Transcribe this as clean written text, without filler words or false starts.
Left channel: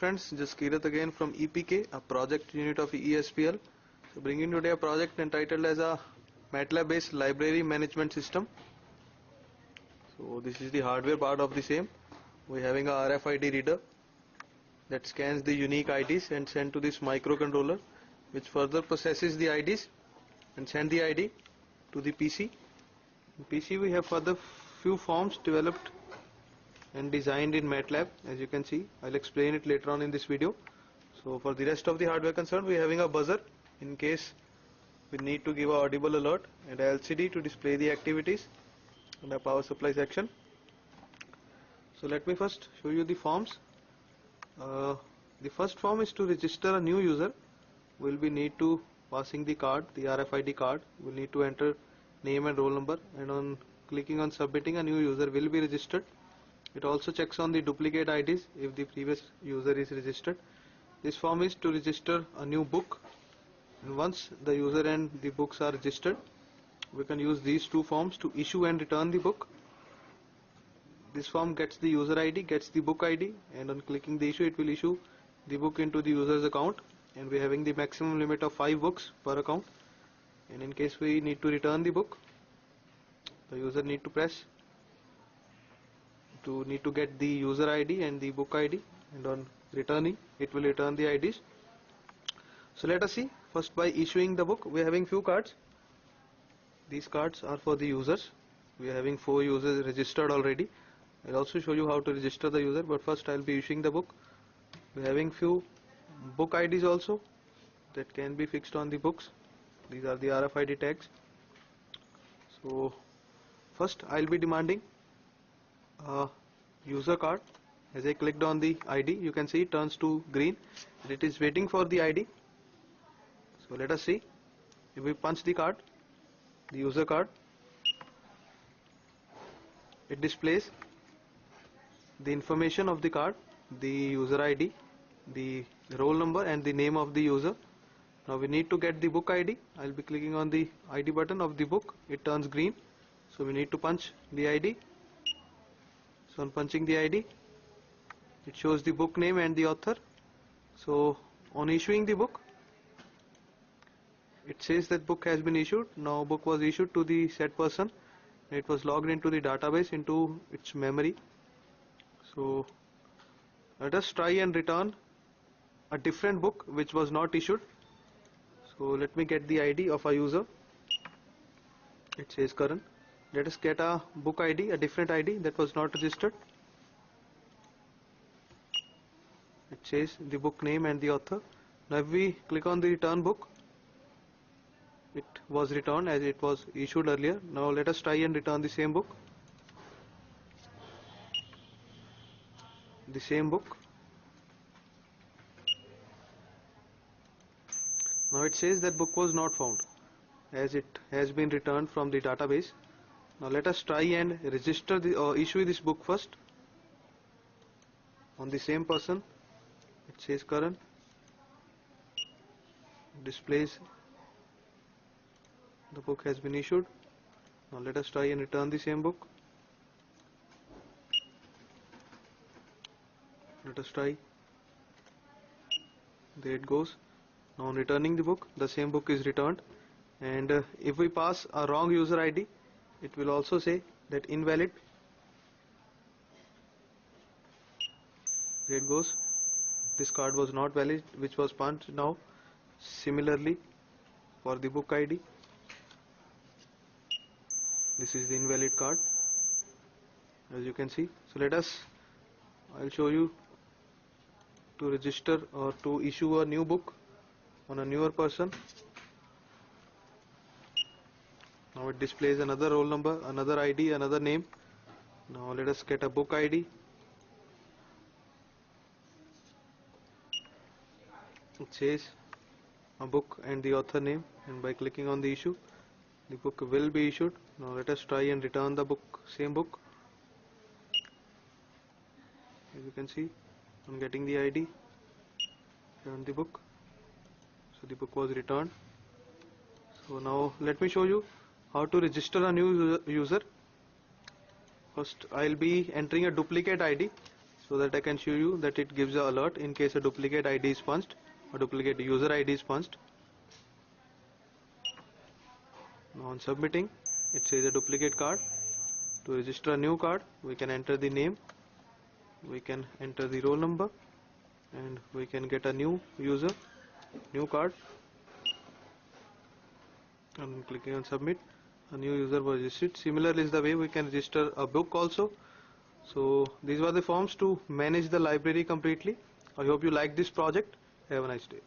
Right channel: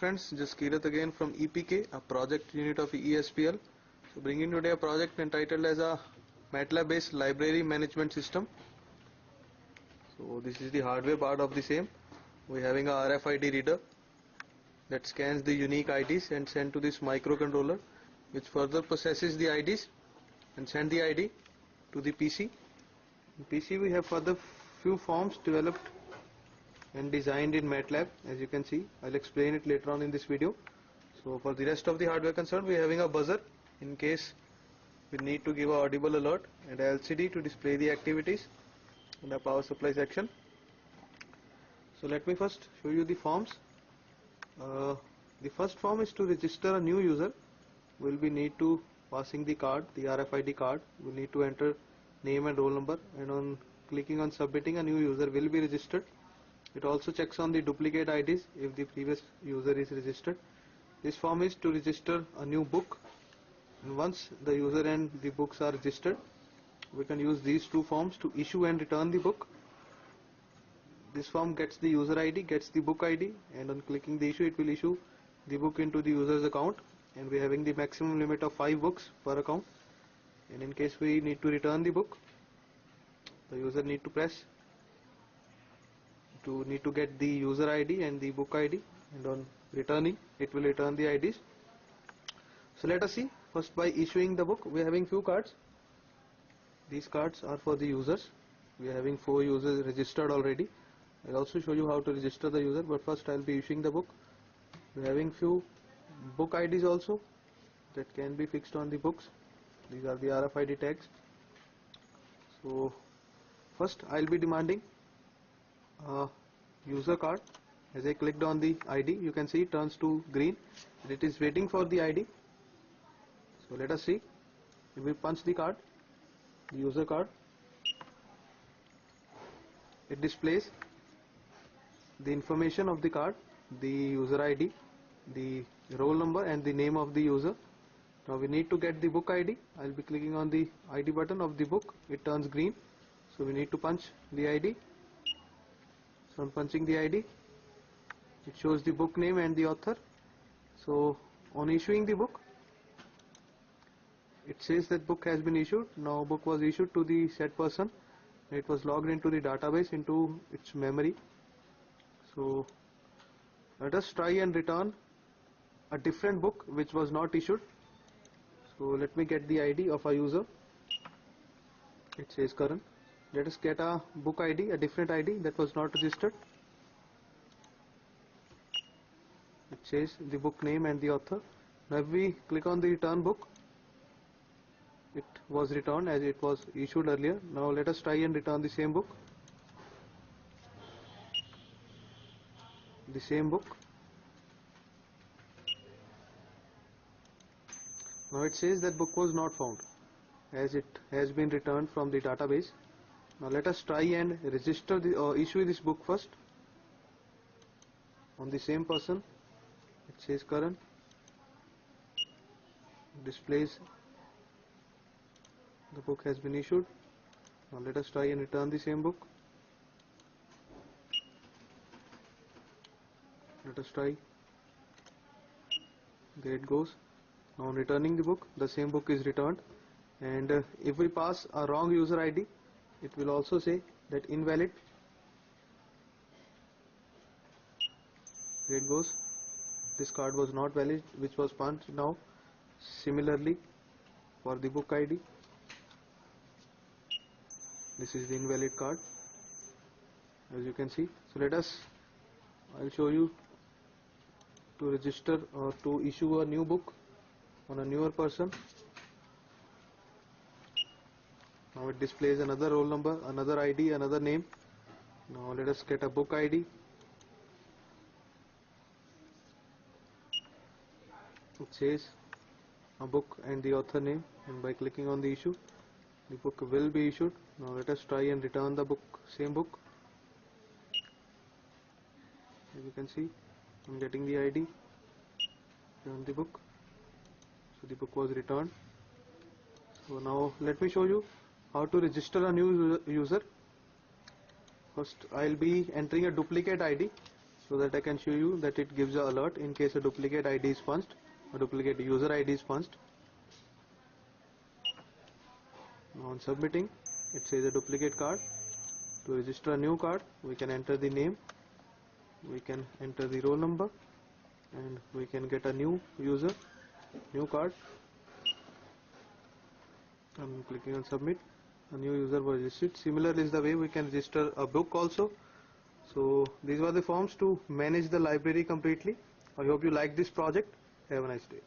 friends, just Kirat again from EPK, a project unit of ESPL. So bringing today a project entitled as a MATLAB based library management system. So this is the hardware part of the same. We're having a RFID reader that scans the unique IDs and send to this microcontroller, which further processes the IDs and send the ID to the PC. In PC we have further few forms developed and designed in MATLAB. As you can see, I'll explain it later on in this video. So for the rest of the hardware concerned, we are having a buzzer in case we need to give an audible alert, and a LCD to display the activities, and a power supply section. So let me first show you the forms. The first form is to register a new user. We'll be need to passing the card, the RFID card. We'll need to enter name and roll number, and on clicking on submitting, a new user will be registered. It also checks on the duplicate IDs if the previous user is registered. This form is to register a new book, and once the user and the books are registered, we can use these two forms to issue and return the book. This form gets the user ID, gets the book ID, and on clicking the issue, it will issue the book into the user's account, and we are having the maximum limit of 5 books per account. And in case we need to return the book, the user need to press to get the user ID and the book ID, and on returning, it will return the IDs. So let us see. First, by issuing the book, we are having few cards. These cards are for the users. We are having 4 users registered already. I'll also show you how to register the user, but first I'll be issuing the book. We are having few book IDs also that can be fixed on the books. These are the RFID tags. So first I'll be demanding a user card. As I clicked on the ID, you can see it turns to green and it is waiting for the ID. So let us see. If we punch the card, the user card, it displays the information of the card, the user ID, the roll number, and the name of the user. Now we need to get the book ID. I'll be clicking on the ID button of the book. It turns green, so we need to punch the ID. So on punching the ID, it shows the book name and the author. So on issuing the book, it says that book has been issued. Now book was issued to the said person. It was logged into the database, into its memory. So let us try and return a different book which was not issued. So let me get the ID of a user. It says Karan. Let us get a book ID, a different ID that was not registered. It says the book name and the author. Now if we click on the return book, it was returned as it was issued earlier. Now let us try and return the same book. The same book. Now it says that book was not found as it has been returned from the database. Now let us try and register the issue this book first on the same person. It says Karan. Displays the book has been issued. Now let us try and return the same book. Let us try. There it goes. Now on returning the book, the same book is returned, and if we pass a wrong user ID, it will also say that invalid. There it goes. This card was not valid, which was punched. Now similarly for the book ID, this is the invalid card, as you can see. So I'll show you to register or to issue a new book on a newer person. Now it displays another roll number, another ID, another name. Now let us get a book ID. It says a book and the author name, and by clicking on the issue, the book will be issued. Now let us try and return the book, same book. As you can see, I'm getting the ID, return the book. So the book was returned. So now let me show you how to register a new user. First I'll be entering a duplicate ID so that I can show you that it gives an alert in case a duplicate ID is punched or duplicate user ID is punched. Now on submitting, it says a duplicate card. To register a new card, we can enter the name, we can enter the roll number, and we can get a new user, new card. And clicking on submit, a new user was registered. Similarly is the way we can register a book also. So these were the forms to manage the library completely. I hope you like this project. Have a nice day.